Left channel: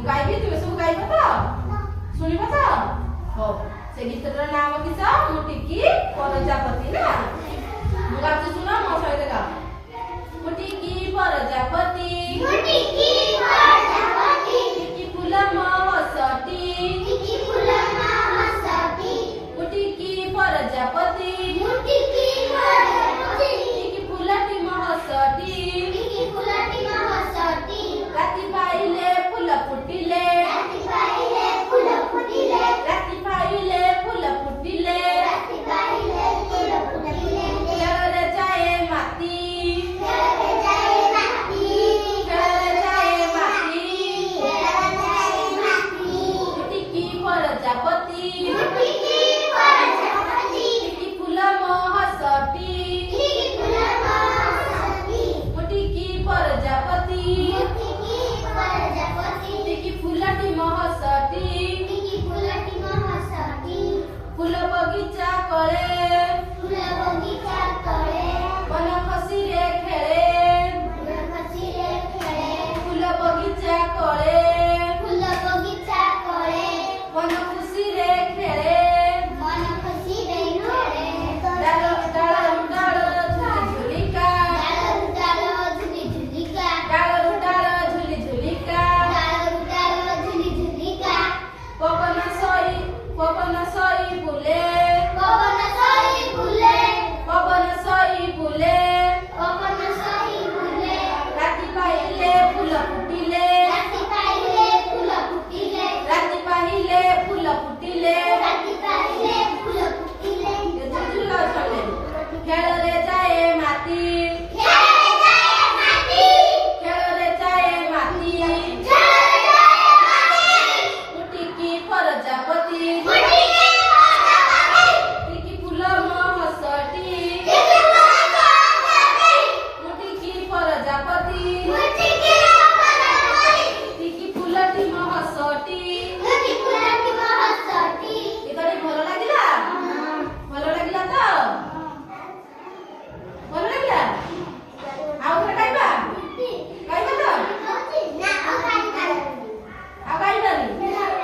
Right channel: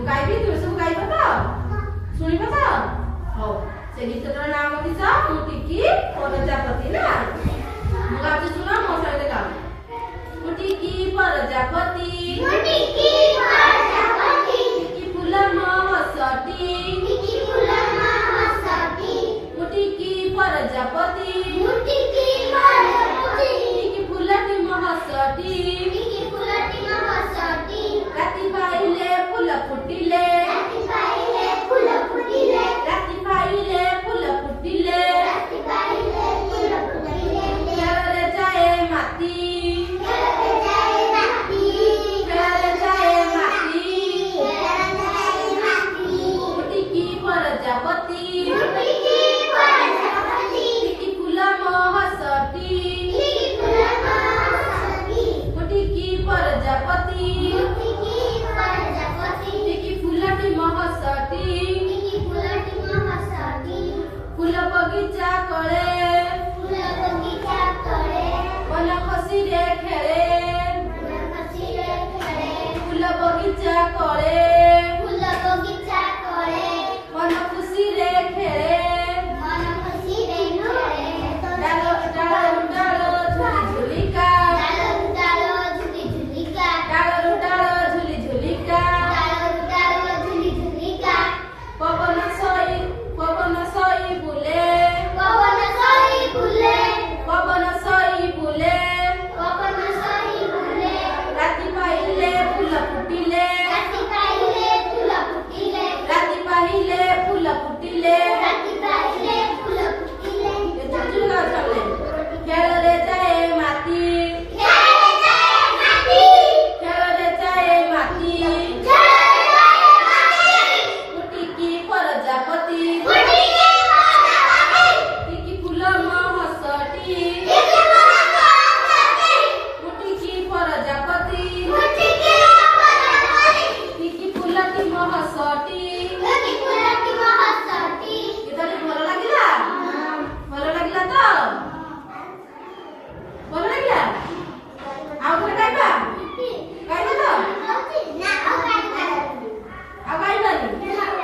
ମୁଁ ଗାଇବି ତୁମେ ସବୁ ଗାଇବ ତ ଶୁଣିବ ତ ହଉ ସେ ଗୀତର ନାମ କିସ ମୁଟିକି ପ୍ରଜାପତି ନା ମୁଁ ଗାଉଛି ଶୁଣ ମୋ ସହିତ ଗାଅ ମୁଟିକି ପ୍ରଜାପତି ମୁଟିକି ପ୍ରଜାପତି ଟିକି ଫୁଲ ମହସଟି ଟିକି ଫୁଲ ମହସଟି ମୁଟିକି ପ୍ରଜାପତି ମୁଟିକି ପ୍ରଜାପତି ଟିକି ଫୁଲଟି ମହସଟି ଟିକି ଫୁଲଟି ମହସଟି ରାତି ପାଇଲେ ଫୁଲ ଫୁଟିଲେ ରାତି ପାଇଲେ ଫୁଲ ଫୁଟିଲେ ରାତି ପାଇଲେ ଫୁଲ ଫୁଟିଲେ ରାତି ପାଇଲେ ଫୁଲ ଫୁଟିଲେ ଖେଳରେ ଯାଏ ମାତି ଖେଳରେ ଯାଏ ମାଟି ଖେଳରେ ଯାଏ ମାଟି ଖେଳରେ ଯାଏ ମାଟି ମୁଟିକି ପ୍ରଜାପତି ମୁଟିକି ପ୍ରଜାପତି ଟିକି ଫୁଲ ମହସଟି ଟିକି ଫୁଲ ମହସଟି ମୁଟିକି ପ୍ରଜାପତି ମୁଟିକି ପ୍ରଜାପତି ଟିକି ଫୁଲଟି ମହସଟି ଟିକି ଫୁଲଟି ମହସଟି ଫୁଲ ବଗିଚା କଳେ ଫୁଲ ବଗିଚା ତଳେ ବନ ଖସିରେ ଖେଳେ ଫୁଲ ଖସିରେ ଖେଳେ ଫୁଲ ବଗିଚା କଳେ ଫୁଲ ବଗିଚା କଳେ ବନ ଖୁସିରେ ଖେଳେ ମନ ଖୁସିରେ ଖେଳେ ଡାଳ ଡାଳରୁ ଡାଳ ଝୁଲି ଝୁଲିକା ଡାଳରୁ ଡାଳ ଝୁଲି ଝୁଲିକା ଡାଳରୁ ଡାଳ ଝୁଲି ଝୁଲିକା ଡାଳରୁ ଡାଳ ଝୁଲି ଝୁଲିକା ପବନ ସଇ ବୁଲେ ପବନ ସହି ବୁଲେ ପବନ ସଇ ବୁଲେ ପବନ ସହି ବୁଲେ ରାତି ପାଇଲେ ଫୁଲ ଫୁଟିଲେ ରାତି ପାଇଲେ ଫୁଲ ଫୁଟିଲେ ରାତି ପାଇଲେ ଫୁଲ ଫୁଟିଲେ ରାତି ପାଇଲେ ଫୁଲ ଫୁଟିଲେ ଖେଳରେ ଯାଏ ମାଟି ଖେଳରେ ଯାଏ ମାଟି ଖେଳରେ ଯାଏ ମାଟି ଖେଳରେ ଯାଏ ମାଟି ମୁଟିକି ପ୍ରଜାପତି ମୁଟିକି ପ୍ରଜାପତି ଟିକି ଫୁଲ ମହସଟି ଟିକି ଫୁଲ ମହସଟି ମୁଟିକି ପ୍ରଜାପତି ମୁଟିକି ପ୍ରଜାପତି ଟିକି ଫୁଲଟି ମହସଟି